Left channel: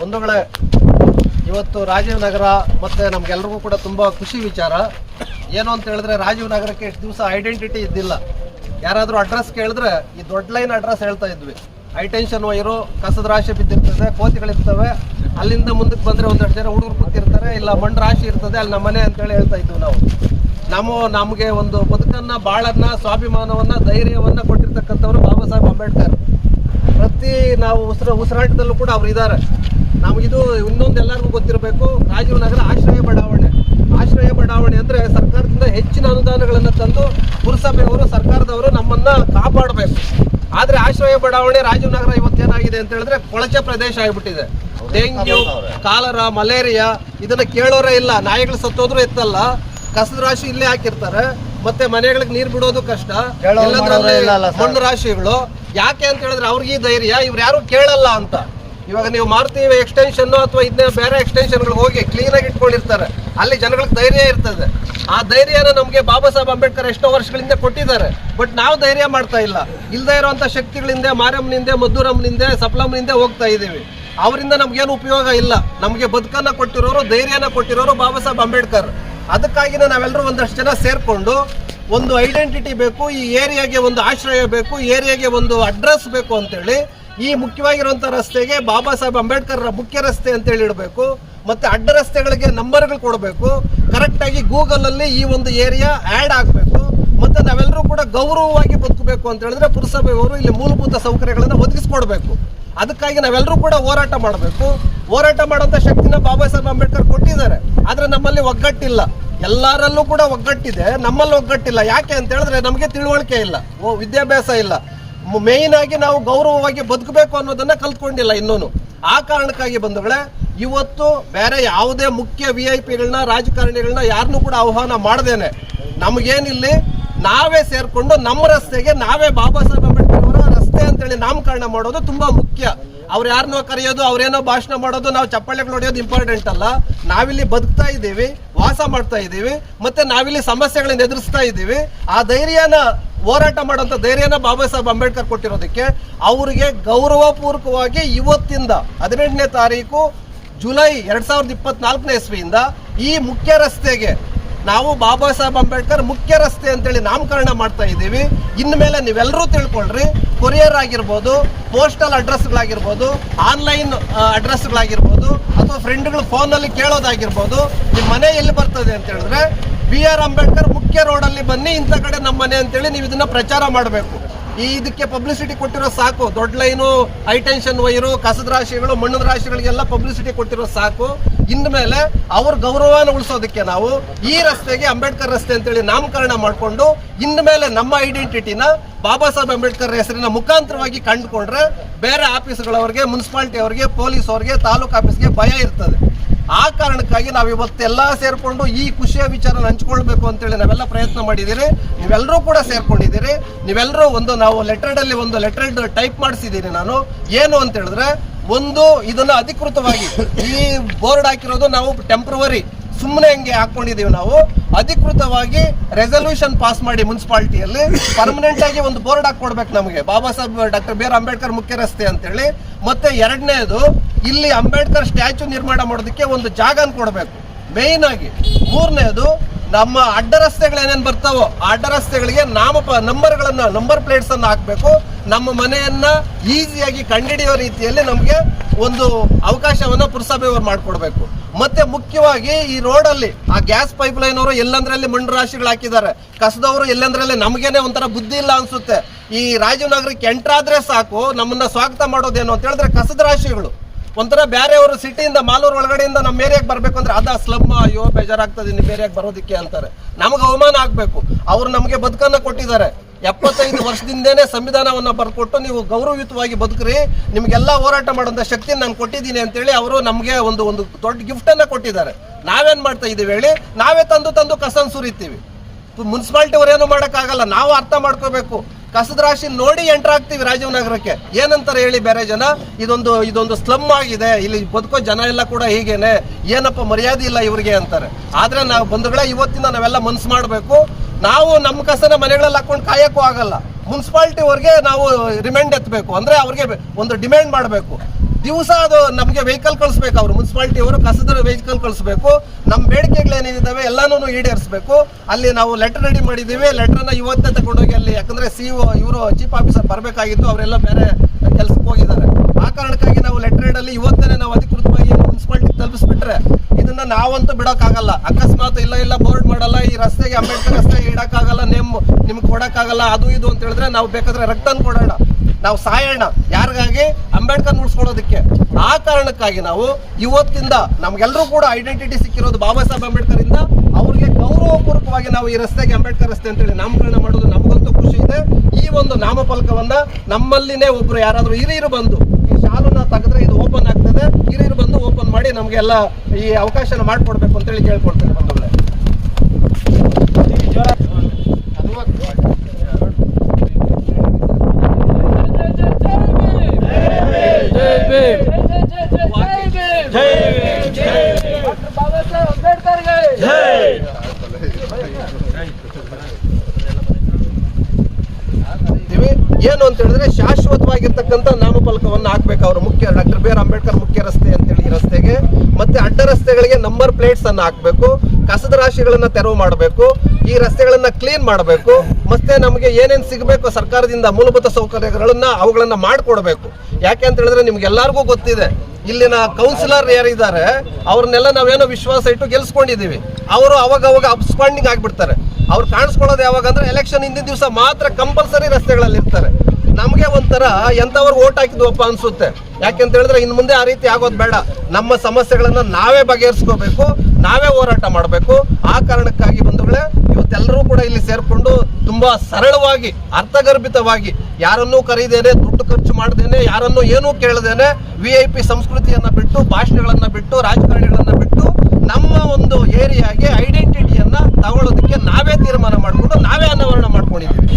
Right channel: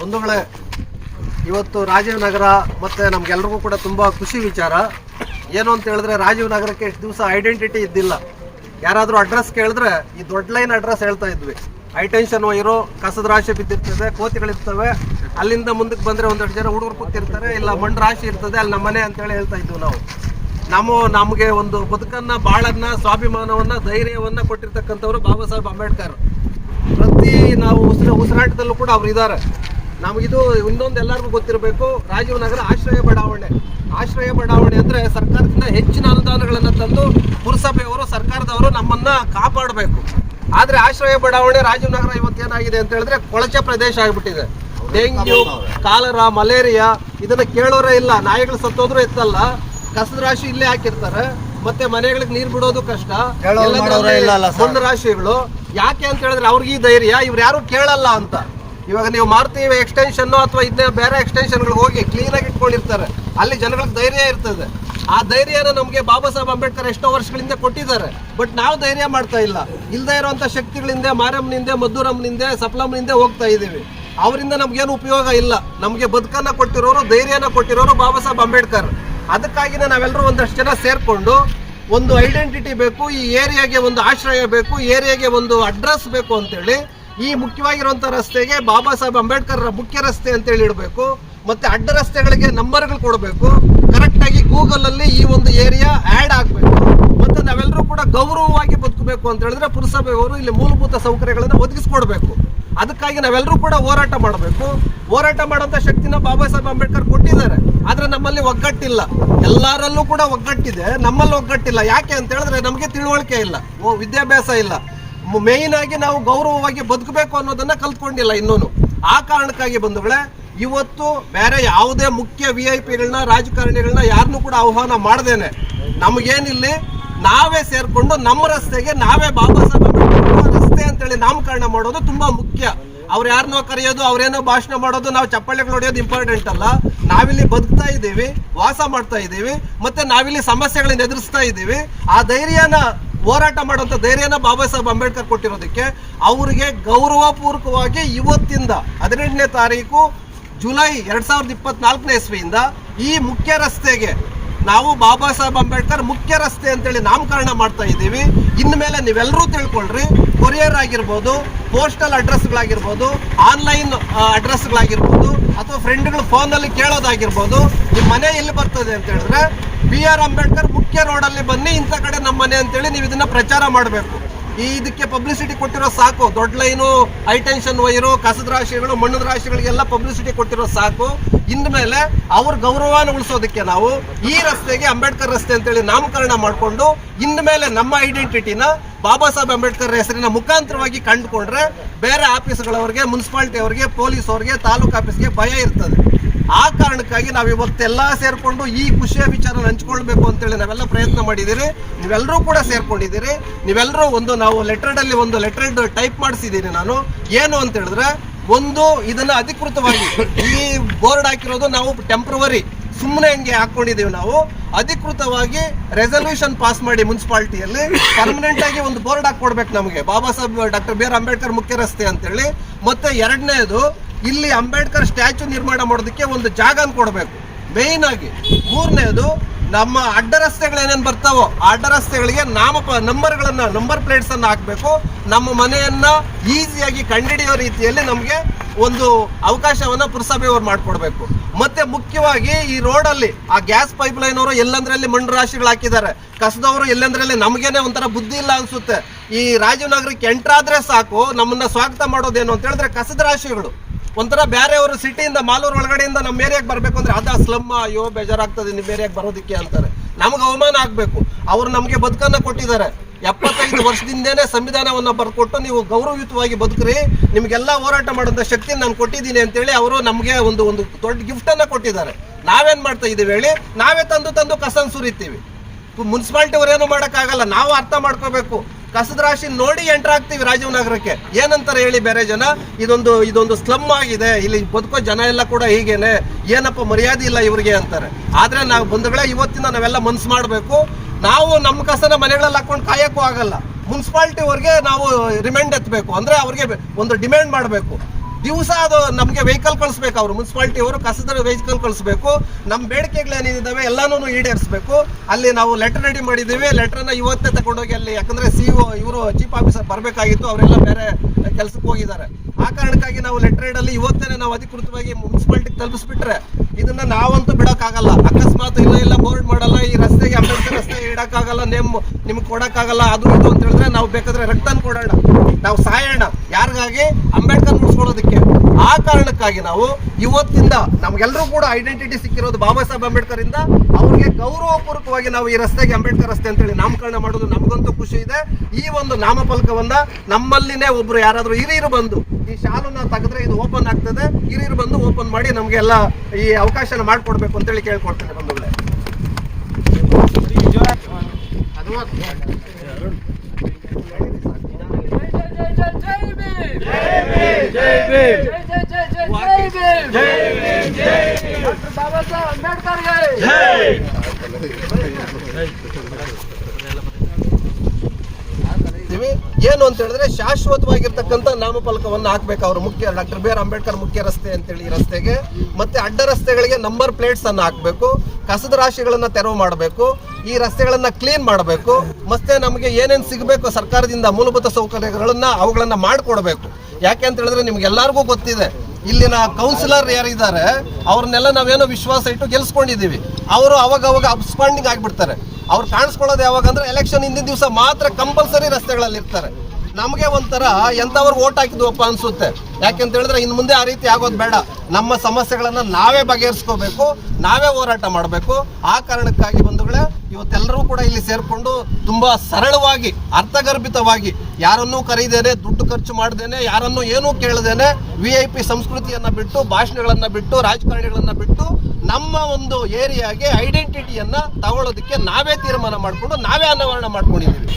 ಬಂಧುಗಳೇ, ಇವತ್ತು ರಾಜೀವ್ ನಗರ ಮತ್ತೆ ನಮ್ಗೆಲ್ರಿಗೂ ಕೂಡ ತುಂಬಾ ಖುಷಿ ವಿಚಾರ. ಏನು ಅಂತ ಹೇಳಿದ್ರೆ, ರಾಜೀವ್ ನಗರಕ್ಕೆ ಎಷ್ಟು ದಿವಸ ಐಡೆಂಟಿಟಿ ಇದ್ದಿಲ್ಲ. ಯಾರಾದರೂ ಅಡ್ರೆಸ್ ಕೇಳಿದ್ರೆ ಈ ದೊಡ್ಡ ಲೈನ್ ಅಡ್ರೆಸ್ ಹೇಳ್ತಾ ಇದ್ವಿ. ಹೈಟೆನ್ಷನ್ ವೈರು, ಕಸದ ರಾಶಿ ಬಿದ್ದಿರ್ತದೆ, ಕೋತಿಗಳಿರ್ತವೆ. ಅಲ್ಲಿಂದ ಮುಂದಕ್ಕೆ ಬಂದರೆ ಒಂದೆರಡು ಜನ ಹುಡುಗರು ಕೂತಿರ್ತಾರೆ, ಇಲ್ಲ ಮಣ್ಣು ರಾಶಿ ಇರ್ತದೆ, ಅಲ್ಲಿ ನಮ್ಮನೆ ಅಂತೇಳಿ ಹೇಳ್ತಾ ಇದ್ವಿ ನಾವು. ನಮಗೆ ಒಂದು ಬದುಕನ್ನ, ಬಾಳನ್ನ, ಸ್ವಾಭಿಮಾನವನ್ನ, ಧೈರ್ಯವನ್ನ ಕೊಟ್ಟಿರ್ತಕ್ಕಂಥವ್ರು ಬಾಬಾ ಸಾಹೇಬ್ ಅಂಬೇಡ್ಕರ್. ಪ್ರತಿ ನಾವು ಉಸಿರಾಟದಲ್ಲೂ ಕೂಡ ಅವ್ರು ಇದ್ದಾರೆ. ನಮಗಿದು ಇನ್ನೊಂದು ಎಲ್ಲರಿಗೂ ಗೊತ್ತಿರಬೇಕು, ರಾಜೀವ್ ನಗರ ಆಶ್ರಯ ಬಡಾವಣೆ. ಆಶ್ರಯ ಬಡಾವಣೆ ಅಂದರೆ ಸರ್ಕಾರದಿಂದ ಹೆಚ್ಚಿನ ಅನುದಾನಗಳನ್ನು ತಂದು ಪುರಸಭೆಯವರು, ಸರ್ಕಾರದವರು ನಮ್ಮನ್ನ ಕಾಪಾಡಬೇಕು. ಆದರೆ ಆಶ್ರಯ ಬಡಾವಣೆ ರಾಜೀವ್ ನಗರ ಇವತ್ತೇನಾಗಿದೆ ಅಂತ ಹೇಳಿದ್ರೆ ಕೊಳಚೆ ಪ್ರದೇಶ ಆಗಿಬಿಟ್ಟಿದೆ. ಡೆಂಗ್ಯೂ, ಕಾಲರಾ, ಮಲೇರಿಯಾ ಇದನ್ನ ಕೇಳೋರೇ ಇಲ್ಲ. ನಾಯಿಗಳು ಸತ್ತೋದ್ರೂ ಎತ್ತಲ್ಲ, ಕಸದ ರಾಶಿ ಇಲ್ಲೇ ಹಾಕಿರ್ತಾರೆ. ಮತ್ತೆ ಮನೆಗಳಿಗೆ ನೀರು ಬಿಡೋದು ಕಷ್ಟ, ಮಣ್ಣು ರಾಶಿಗಳು. ಯಾಕೆ ಅಂತ ಹೇಳಿದ್ರೆ ಅವ್ರಿಗೆ ಧೈರ್ಯ, ಇವ್ರು ಯಾರು ಕೇಳಲ್ಲ ಅಂತ. ಇವಾಗ ನೀವು ಮಾಡ್ತೀವಿ ಎಕ್ಸ್ಟೆನ್ಷನ್ ಅಥವಾ ಇದನ್ನ ಬೇರೆ ಎಕ್ಸ್ಟೆನ್ಷನ್ಗಳು ಹೋಗಿ ಕ್ಲೀನಾಗಿ ಇಟ್ಕೊಂಡಿರ್ತಾರೆ, ಅಲ್ಲಿ ಜನಗಳಿಗೆ ಧೈರ್ಯ ಇರ್ತದೆ. ಆ ಧೈರ್ಯನ ನಮಗೆ ಬಾಬಾ ಸಾಹೇಬ್ ಅಂಬೇಡ್ಕರ್ ಎಷ್ಟೋ ವರ್ಷಗಳಿಂದ ಕೊಟ್ಟಿದ್ದಾರೆ. ಬಟ್ ನಾವು ಧೈರ್ಯ ಮಾಡ್ತಾ ಇಲ್ಲ. ಇಲ್ಲದೆ ಇರುವಂತ ಶಕ್ತಿಗಳಿಂದ, ಮಾರಮ್ಮನಿಂದ, ಮದ್ದೂರಮ್ಮನಿಂದ, ಸಪ್ಲಮ್ಮನಿಂದ ಹೋಗ್ತಾ ಇದ್ದೀವಿ. ಅವರಿಂದ ನಮ್ಗೇನು ಉಪಯೋಗ ಇಲ್ಲ. ನಮಗೆ ಬದುಕನ್ನ ಕೊಟ್ಟಿರೋರು, ಧೈರ್ಯನ ಕೊಟ್ಟಿರೋರು ಬಾಬಾ ಸಾಹೇಬ್ ಅಂಬೇಡ್ಕರ್. ಅದಕ್ಕಾಗಿನೇ ನಾವೆಲ್ಲರೂ ಒಂದಷ್ಟು ಜನ ಸೇರ್ಕೊಂಡು ಒಂದು ಐಡೆಂಟಿಟಿ ಬೇಕು, ಈ ಏರಿಯಾಗೆ ಒಂದು ಆಶ್ರಯ ಬೇಕು, ಏರಿಯಾಗೆ ಒಂದು ಅಡ್ರೆಸ್ ಬೇಕು ಅಂತೇಳಿ ಈ ಮುಖ್ಯವಾಗಿರುವಂತ ರಸ್ತೆಗೆ ಬಾಬಾ ಸಾಹೇಬ್ ಅಂಬೇಡ್ಕರ್ ಮುಖ್ಯ ರಸ್ತೆ ಅಂತೇಳಿ ಇಡಬೇಕು. ಮತ್ತೆ ಅಡ್ಡ ರಸ್ತೆಗಳಿಗೆ ನಂಬರ್ಗಳು ಕೊಡಬೇಕು. ಕರೆಕ್ಟ್ ಆಗಿ ಗೂಗಲ್ ಅಲ್ಲಿ ಈ ಒಂದು ಏರಿಯಾ ಆಡ್ ಆಗಬೇಕು. ಮತ್ತೆ ನಾವೆಲ್ಲರೂ ಕೂಡ ಗೌರವವಾಗಿ ಬದುಕಬೇಕು ಅಂತ ಹೇಳಿದ್ರೆ ಪುರಸಭೆಯವರು ಇಲ್ಲಿ ಮೂಲಭೂತ ಸೌಕರ್ಯಗಳನ್ನು ಒದಗಿಸ್ಕೊಡ್ಬೇಕು. ಅದಕ್ಕಾಗಿ ನಾವೆಲ್ಲರೂ ಕೂಡ ಹೋರಾಟ ಮಾಡಬೇಕು. ಹೋರಾಟ ಮಾಡುವಂತ ಶಕ್ತಿನ ಬಾಬಾ ಸಾಹೇಬ್ ಅಂಬೇಡ್ಕರ್ ಕೊಟ್ಟಿದ್ದಾರೆ. ಆದ್ರೆ ನಮ್ಮಲ್ಲಿ ಒಗ್ಗಟ್ಟಿಲ್ಲ. ಎಲ್ಲರಲ್ಲೂ ಕೂಡ ಒಗ್ಗಟ್ಟಿದೆ, ನಮ್ಮಲ್ಲಿ ಒಗ್ಗಟ್ಟಿಲ್ಲ. ಯಾಕೆ ಅಂತ ಹೇಳಿದ್ರೆ ನಮಗೆ ತಿಳುವಳಿಕೆ ಇಲ್ಲ, ವಿದ್ಯಾಭ್ಯಾಸ ಇಲ್ಲ. ಮೇಯ್ನ್ ಆಗಿ ನಾವು ಗೌರವವಾಗಿ ಬದುಕಬೇಕು ಅನ್ನೋದನ್ನ ಕಲ್ತ್ಕೊಂಡಿಲ್ಲ ಇನ್ನೂನು. ಆ ಕಾರಣಕ್ಕಾಗಿ ಬಂಧುಗಳೇ, ಇವತ್ತು ಬೇರೆ ಯಾವುದೇ ಮುಖ್ಯ VIP-ಗಳನ್ನ, ರಾಜಕಾರಣಿಗಳನ್ನ ಯಾರನ್ನೂ ಕೂಡ ಆಹ್ವಾನ ಮಾಡದೇನೆ ನಮಗೇನಿಲ್ಲಿ ನಾವೇ ಸೇರ್ಕೊಂಡು ನಮ್ಮ ರಸ್ತೆಗೆ ನಾವೇ ಬಾಬಾ ಸಾಹೇಬ್ ಅಂಬೇಡ್ಕರ್ ರಸ್ತೆ ಅಂತೇಳಿ ನಾಮಕರಣ ಮಾಡೋದು ತುಂಬಾ ಮುಖ್ಯ. ಅವ್ರು ಯಾರನ್ನೋ ಕರೆಯೋದು, ಅವ್ರೇನೋ ಭಾಷಣ ಮಾಡೋದು, ನಾವು ಚಪ್ಪಾಳೆಗಳು ಹೊಡೆಯೋದು ಇಂಪಾರ್ಟೆಂಟ್ ಅಲ್ಲ. ನಾವಿಲ್ಲಿ ಬದುಕ್ತಾ ಇದ್ದೀವಿ, ವಾಸ ಮಾಡ್ತಾ ಇದ್ದೀವಿ, ಮತ್ತೆ ನಾವಿಲ್ಲಿ ಸಮಸ್ಯೆಗಳನ್ನ ಎದುರಿಸ್ತಾ ಇದ್ದೀವಿ. ಆ ಧೈರ್ಯನ, ಹೋರಾಟ ಮಾಡುವಂತ ಧೈರ್ಯನ ಬಾಬಾ ಸಾಹೇಬ್ ಅಂಬೇಡ್ಕರ್ ಕೊಟ್ಟಿರೋದಕ್ಕೆ ಅವರಿಗೆ ಗೌರವಪೂರ್ವಕವಾಗಿ ಇವತ್ತಿಂದ 18ನೇ ತಾರೀಕು ಜುಲೈ 2024ನೇ ಇಸ್ವಿಯಿಂದ ಈ ಮುಖ್ಯ ರಸ್ತೆಗೆ ನಾವು ಬಾಬಾ ಸಾಹೇಬ್ ಅಂಬೇಡ್ಕರ್ ಮುಖ್ಯ ರಸ್ತೆ ಅಂತೇಳಿ ನಾಮಕರಣ ಮಾಡ್ತಾ ಇದ್ದೀವಿ. ಇನ್ಮೇಲೆ ನೀವೆಲ್ಲರೂ ತಿಳ್ಕೊಳ್ರಿ, ಕೊರಿಯರ್ ಆಗಿರ್ಬೋದು, ಪೋಸ್ಟಲ್ ಅಡ್ರೆಸ್ಗಳಾಗಿರ್ಬೋದು, ಆನ್ಲೈನ್ ಅಡ್ರೆಸ್ಗಳಾಗಿರ್ಬೋದು, ಅಥವಾ ಫ್ರೆಂಡ್ಗಳು ಫೋನಲ್ಲಿ ಕೇಳೋದಾಗಿರ್ಬೋದು, ನಿಮ್ಮ ಮನೆ ಎಲ್ಲಿ ಬರ್ತದೆ ಅಂತ ಹೇಳಿದ್ರೆ BR ಅಂಬೇಡ್ಕರ್ ಮುಖ್ಯ ರೋಡಲ್ಲಿ ಬನ್ನಿ, ಇಂಥ ಕಡೆ ನಮ್ಮ ಮನೆ ಅಂತೇಳಿ ನೀವು ಇದನ್ನ ಪ್ರಚಾರ ಮಾಡಬೇಕು. ಇದಕ್ಕೆ ಪಬ್ಲಿಸಿಟಿ ಕೊಟ್ಟಿರೋ ಸಾಕು. ದೊಡ್ಡ ಲೈನು, ಹೈಟೆನ್ಷನ್ ವೈರು, ಕಸದ ರಾಶಿಗಳು, ಮಣ್ಣದ ರಾಶಿಗಳಿಗೆಲ್ಲ ಪಬ್ಲಿಸಿಟಿ ಕೊಟ್ಟಿರೋ ಸಾಕು. ಇನ್ಮೇಲೆ ಅವ್ರ ಗೌರವನ ಉಳಿಸೋದಕ್ಕೆ ನಾವು ಈ ರಸ್ತೆಗೆ ಅಂಬೇಡ್ಕರ್ ರಸ್ತೆ ಅಂತೇಳಿ ನಾಮಕರಣ ಮಾಡಿಕೊಂಡು ಇನ್ಮೇಲೆ ನಮ್ಮ ಐಡೆಂಟಿಟಿನ ಬಾಬಾ ಸಾಹೇಬ್ ಅಂಬೇಡ್ಕರ್ ಹೆಸರಿನ ಮುಖಾಂತರವಾಗಿ ಕಂಡುಕೊಂಡ್ರೆ ಬೇರೆ ಆಫೀಸ್ಗಳವ್ರಿಗೆ, ಮುನ್ಸಿಪಾಲಿಟಿ ಅವರಿಗೆ, ಪೊಲೀಸ್ ಅವ್ರಿಗೆ, ತಾಲೂಕು ಆಫೀಸ್ಗೆ ಭಯ ಇರ್ತದೆ. ಆ ಕಾರಣಕ್ಕಾಗಿ ನಾವು ಇವತ್ತೆಲ್ಲ ಸೇರ್ಕೊಂಡು ಈ ಖುಷಿಯ ವಿಚಾರ ಹಂಚ್ಕೊಳ್ಬೇಕು ಅಂತೇಳಿ ನಾವೆಲ್ಲ ಪ್ರಯತ್ನ ಮಾಡಿದ್ದೀರಿ. ನೀವೆಲ್ಲರೂ ಕೂಡ ಸೇರ್ಕೊಂಡಿದ್ದೀರಿ. ನೀವೆಲ್ಲರೂ ನಾವು ಲೆಟರ್ಡಲ್ಲಿ ಒಂದು ಲೆಟರ್ಡ್ ಟೈಪ್ ಮಾಡಿಸಿದ್ದೀನಿ ನಾನು. ಏನು ಅಂತ ಹೇಳಿದ್ರೆ, ಒಂದು ಇದನ್ನ ಅಧಿಕೃತವಾಗಿ ಈ ಬೋರ್ಡ್ ಹಾಕಿರೋದು ನಾವು ಟೆಂಪ್ರವರಿ ಸುಮ್ಮನೆ ಹಂಗೆ ಹಾಕೊಂಡಿದೀವಿ. ನಾವು ಅಧಿಕೃತವಾಗಿ ರೆಸಲ್ಯೂಷನ್ ಪಾಸ್ ಮಾಡಿ ಮುನ್ಸಿಪಾಲಿಟಿಯಲ್ಲಿ ಪರ್ಮನೆಂಟ್ ಆಗಿ ಒಂದು ಬೋರ್ಡ್ ಹಾಕೊಡ್ಬೇಕು ನಮಗೆ, ಬಾಬಾ ಸಾಹೇಬ್ ಡಾಕ್ಟರ್ BR ಅಂಬೇಡ್ಕರ್ ಮುಖ್ಯ ರಸ್ತೆ ಅಂತೇಳಿ. ಮತ್ತೆ ಎರಡನೇದು, ಇಲ್ಲಿ ಅಂಬೇಡ್ಕರ್ ಸ್ಟ್ಯಾಚು ನಿರ್ಮಾಣ ಮಾಡೋದಕ್ಕೆ ಒಂದು ಜಾಗ ಕೊಡಬೇಕು ಮೇಯ್ನ್ ಆಗಿ. ಮೂರನೇದು, ನಮ್ಮ ಅಡ್ಡ ರಸ್ತೆಗಳು ಏನೇನು ಬರ್ತಾವೋ ಆ ಅಡ್ಡ ರಸ್ತೆಗಳಿಗೆ ನಂಬರ್ ಪ್ಲೇಟ್ಸ್ ಅನ್ನ ಹಾಕಬೇಕು. ನಮ್ಮ ಮನೆಯನ್ನ ಈಸಿಯಾಗಿ ಕಂಡುಹಿಡಿಯೋ ರೀತಿಯಲ್ಲಿ ನಮಗೆ ಒಂದು ಅವಕಾಶವನ್ನ ಪುರಸಭೆಯವರು ಮಾಡಿಕೊಡ್ಬೇಕು. ಮತ್ತೆ ಮುಖ್ಯವಾಗಿ ಈ ರೋಡಲ್ಲಿ ಆ ಗ್ಯಾಸ್ ಪೈಪ್ ಲೈನ್ ಅವರು ಎಲ್ಲಂದ್ರಲ್ಲಿ ಮಣ್ಣು ರಾಶಿಗಳು ಹಾಕಿದ್ದಾರೆ, ಕಸದವರು ಎಲ್ಲಂದ್ರಲ್ಲಿ. ನಮಗೇನೆ ಒಂಥರ ಬುದ್ಧಿ ಇಲ್ಲ ಅನ್ಸುತ್ತೆ. ಈ ರಾಜೀವ್ ನಗರಕ್ಕೆ ಎಂಟ್ರಾದ್ರೆ ಸಾಕು ನಮ್ಮನ್ನ ಸ್ವಾಗತ ಮಾಡೋದೇನು ಅಂತ ಹೇಳಿದ್ರೆ ಕಸದ ರಾಶಿಗಳು. ಒಂಥರ ಬೇರೆಯವರು ಸಿಟಿಯಿಂದ, ಮಾಲೂರು ಒಳಗಡೆಯಿಂದ ನಮ್ಮ ಏರಿಯಾಗೆ ಬರಬೇಕು ಅಂದ್ರೆ ಅದ ಸ್ಲಮ್, ಅಯ್ಯೋ ಬೇಜಾರಾಗ್ತದೆ ನಿಮ್ಮ ಏರಿಯಾಗೆ ಬರೋದಕ್ಕೆ ಅಂತಾರೆ. ನಮಗೆ ಅವಮಾನ ಆಗ್ಬೇಕು. ಅವರು ನಮಗೆ ಬದುಕನ್ನ ಕೊಟ್ಟಿದ್ದಾರೆ. 75 ವರ್ಷದಿಂದನೇ ಸಂವಿಧಾನವನ್ನ ಬರ್ಕೊಟ್ಟು ನೀವು ಗೌರವಯುತವಾಗಿ ಬದುಕ್ರಿ, ನಿಮ್ಗೆಲ್ಲ ಹೋರಾಟ ಮಾಡೋಂಥ ಶಕ್ತಿ ನಾನು ಕೊಟ್ಟಿದ್ದೀನಿ ಅಂತೇಳಿ ಅವರು ನಮಗೆ ಒಂದು ದೊಡ್ಡ ಗಿಫ್ಟ್ ಅನ್ನ ಕೊಟ್ಟಿದ್ದಾರೆ. ನಾವೇನ್ ಮಾಡ್ತಾ ಇದೀವಿ ಹೇಳಿ, ನಾವೇ ತಂದು ಕಸನ್ ಸುರಿತೀವಿ. ಮುನ್ಸಿಪಾಲಿಟಿ ಅವರೇನು ಮಾಡೋಕ್ಕಾಗಲ್ಲ, ನಾವು ಅರ್ಥ ಮಾಡ್ಕೋಬೇಕು. ಕಸದ ರಾಶಿ ನೋಡಿ ಎಂಟರ್ ಆಗ್ತೀವಿ ರಾಜೀವ್ನಗರಕ್ಕೆ. ಏನಂತಾರೆ ಹೇಳಿ ಬೇರೆ ಜನ, ಇದೊಂದು ಸ್ಲಮ್ ಆಗಿದೆ, ಇಲ್ಲಿ ಬದುಕೋ ಜನ ಎಲ್ಲ ಕೂಡ ಹೀಗೇನೆ, ಏನಪ್ಪ ಮರ್ಯಾದೆ ಇಲ್ಲ ಇವ್ರಿಗೆ ಅಂತಾರೆ. ಆದ್ರೆ ನಾವು ಬಂಧುಗಳೇ, ಇವತ್ತಿನ ನಾವೆಲ್ಲ ಮನ್ಸು ಮಾಡಬೇಕು. ನಾವು ನಮ್ಮ ಕಸನ ಮನೆಗಳಲ್ಲಿ ಹಾಕೊಂಡು ಕಾಯಕ್ಕೂ ಆಗಲ್ಲ. ಮುನ್ಸಿಪಾಲಿಟಿ ಅವ್ರಿಗೆ ನಾವು ರಿಮೈಂಡ್ ಎತ್ತಬೇಕು, ಅಂದ್ರೆ ಅವ್ರಿಗೆ ಒಂದು ಡಿಮ್ಯಾಂಡ್ ಮಾಡಬೇಕು. ದಿವಸ ಅದು ನಮಗೆ ವೆಹಿಕಲ್ ಕಳಿಸ್ಬೇಕು, ಅವರು ಮುನ್ಸಿಪಾಲಿಟಿ ಅವರು ಕಸದ ವೆಹಿಕಲ್ ಕಳಿಸ್ಬೇಕು. ನಮ್ಮ ಬೇಡಿಕೆಗಳೇನಿದ್ದಾವೆ ಎಲ್ಲಾನು ಈಡೇರಿಸಬೇಕು. ಅಲ್ಲಿ ನಾವು ಲೆಟರ್ ರೆಡಿ ಮಾಡಿದ್ದೀವಿ, ಲೆಟರ್ನ ಇವತ್ತೇ ತಗೊಂಡೋಗಿ ಅಲ್ಲಿ, ಯಾಕಂದ್ರೆ CO ಇವರು ಚೀಫ್ ಆಫೀಸರ್ ಬರಬೇಕಾಗಿತ್ತು, ಅವರೆಲ್ಲ ಬೇರೆ ಕೆಲಸಕ್ಕೆ ಹೋಗಿದ್ದಾರೆ. ಆ ಕಾರಣಕ್ಕಾಗಿ ನಾವು ಲೆಟರ್ ಅಲ್ಲಿ ಇವತ್ತೇ ನಾವು ಅಧಿಕೃತವಾಗಿ ಮುನ್ಸಿಪಾಲಿಟಿ ತಲುಪಿಸ್ಬಿಟ್ರೆ ಇದನ್ನ ನಾವಂತೂ ಬಿಡೋಕ್ಕಾಗಲ್ಲ. ಅಕಸ್ಮಾತ್ ಇಲ್ಲ ಬೋರ್ಡ್ ಮಾಡಲ್ಲ, ಈ ರಸ್ತೆಗೆ ಅಂಬೇಡ್ಕರ್ ರಸ್ತೆ ಇಡಕ್ಕಾಗಲ್ಲ, ನಿಮ್ಗೆ ಕೊಡಕ್ಕಾಗಲ್ಲ, ಅದು ಇದು ಅಂತ ಹೇಳಿದ್ರೆ ನಾವು ಬೇಕಾದ್ರೆ ರಕ್ತನ ಕೊಡೋಣ, ನಾವು ಸಾಯೋಣ. ಯಾರಿಗಾಗಿ? ಅಂಬೇಡ್ಕರ್ ಉಳಿಸ್ಕೊಳ್ಳೋದಕ್ಕೆ. ಆ ಕಾರಣಕ್ಕಾಗಿ ನಾವು ಇವತ್ತಿಂದ ನಮ್ಗೆಲ್ಲರೂ ಕೂಡ ಐಡೆಂಟಿಟಿ ಸಿಕ್ಕಿರೋದು ಬಾಬಾ ಸಾಹೇಬ್ ಅಂಬೇಡ್ಕರ್ ಇಂದ. ಅವ್ರಿಗೆ ಗೌರವಪೂರ್ವಕವಾಗಿ ನಾವು ಈ ರಸ್ತೆಗೆ ಅಂಬೇಡ್ಕರ್ ರಸ್ತೆ ಅಂತೇಳಿ ನಾಮಕರಣ ಮಾಡೋದು ನಮಗಂತೂ ಖುಷಿ ಇದೆ. ಈ ಒಂದು ನಾಮಫಲಕವನ್ನ ನಮ್ಮಲ್ಲಿನೇ ಒಬ್ರು ಯಾರಾದ್ರೂ ಹಿರಿಯರು ಬಂದು ಈ ಶಾಲುನ ತೆಗೆದ್ರೆ ಇದು ಓಪನ್ ಆಗ್ತದೆ, ಹಿರಿಯರು ಬಂದು ಓಪನ್ ಮಾಡಿ ನಮಗೆಲ್ಲ ಈ ಅವಕಾಶನ ಮಾಡಿಕೊಡ್ಬೇಕು ಅಂತೇಳಿ ಕೇಳ್ಕೊಡ್ತೇನೆ ಬಂಧುಗಳೇ. ಏನು ಅಂತ ಹೇಳಿದ್ರೆ ಶಾಶ್ವತವಾಗಿರ್ತಕ್ಕಂಥ ನಾಮಫಲಕವನ್ನು ಹಾಕ್ಬೇಕು. ಅವರು ಮುಖ್ಯ ಡಾಕ್ಟರ್ ಬಿ ಆರ್ ಅಂಬೇಡ್ಕರ್ ಮುಖ್ಯ ರಸ್ತೆ ಅಂತೇಳಿ ಈ ರಸ್ತೆಗೆ, ಮತ್ತೆ ಅಡ್ಡ ರಸ್ತೆಗಳಿಗೆ ನಂಬರ್ ಪ್ಲೇಟ್ಸ್ ಅನ್ನು ಹಾಕಬೇಕು, ಕಸದ ರಾಶಿಗಳನ್ನ ತೆರವು ಮಾಡಬೇಕು, ಈ ರಸ್ತೆಗಳನ್ನ ಕ್ಲೀನ್ ಮಾಡಬೇಕು, ಮತ್ತೆ ನಮಗೆ ಏನೇನು ಸಿಗಬೇಕು ಸರ್ಕಾರದಿಂದ ಮೂಲಭೂತ ಸೌಕರ್ಯಗಳನ್ನ ಅವುಗಳನ್ನ ಮಾಡಿಕೊಡ್ಬೇಕು. ಯಾಕೆ ಅಂತ ಹೇಳಿದ್ರೆ ನಿಮ್ಗೆಲ್ಲರಿಗೂ ಗೊತ್ತಿದೆ, ಇಲ್ಲಿನ ಕೌನ್ಸಿಲರ್ ಯಾರಿದ್ದಾರೆ ಅವ್ರನ್ನೆಲ್ಲ ನಾವೇನೋ ವಿಶ್ವಾಸ ಇಟ್ಟು ಗೆಲ್ಸ್ಕೊಂಡಿದ್ದೀವಿ. ಅವರು ಅವಾಗ ಅಬ್ಸ್ಪಾಂಡಿಂಗ್ ಆಗಿಬಿಡ್ತಾರೆ. ಅವ್ರು ಕಾಣಿಸ್ಕೊಳ್ಳೋದು ಯಾವಾಗ ಅಂದ್ರೆ ಎಲೆಕ್ಷನ್ ಹಿಂದಿನ ದಿವಸ ಮಾತ್ರ ಕಂಪಲ್ಸರಿ ರಸ್ತೆಗಳಲ್ಲಿ ಇರ್ತಾರೆ. ನಮಗೆ ಒಂಥರ ಎಂಥವ್ರಿಗೆ ಓಟ್ ಹಾಕಿದ್ವಪ್ಪ ಅನ್ಸುತ್ತೆ. ಯಾಕೆಂತ ಹೇಳಿದ್ರೆ ಇನ್ನು ಮುಂದೆ ಆ ರೀತಿ ಆಗೋದು ಬೇಡ. ನಮ್ಮ ಸಮಸ್ಯೆಗಳನ್ನ ನಾವೇ ಬಗೆಹರಿಸ್ಕೋಬೇಕು, ನಾವೇ ಹೋರಾಟ ಮಾಡಬೇಕು. ಆ ಕಾರಣಕ್ಕಾಗಿ ಬಂಧುಗಳೇ, ಇವತ್ತೆಲ್ಲರೂ ಕೂಡ ಇಲ್ಲಿ ಸೇರ್ಕೊಂಡು ತುಂಬಾ ಸರಳವಾಗಿ, ಅರ್ಥಗರ್ಭಿತವಾಗಿ, ಯಾರನ್ನೂ ಕರೀದೇನೆ, ದುಡ್ಡು ಖರ್ಚು ಮಾಡದೇನೆ, ಯಾರನ್ನೂ ಏನೂ ಕೇಳದೇನೆ, VIP ಸಂಸ್ಕೃತಿಯನ್ನ ಬಿಟ್ಟು, ಭಾಷಣಗಳನ್ನ ಬಿಟ್ಟು, ರಾಜಕಾರಣಿಗಳನ್ನ ಬಿಟ್ಟು, ನಮ್ಮ ಒಂದು ಏರಿಯಾಗೆ ಐಡೆಂಟಿಟಿಯನ್ನ ತಗೊಳ್ಳೋದಕ್ಕೆ ನಾವೇ ತೀರ್ಮಾನ ಮಾಡಿಕೊಂಡು ನಾವೇ ಅನಾವರಣ ಮಾಡ್ಕೊಂಡಿದ್ದೀವಿ.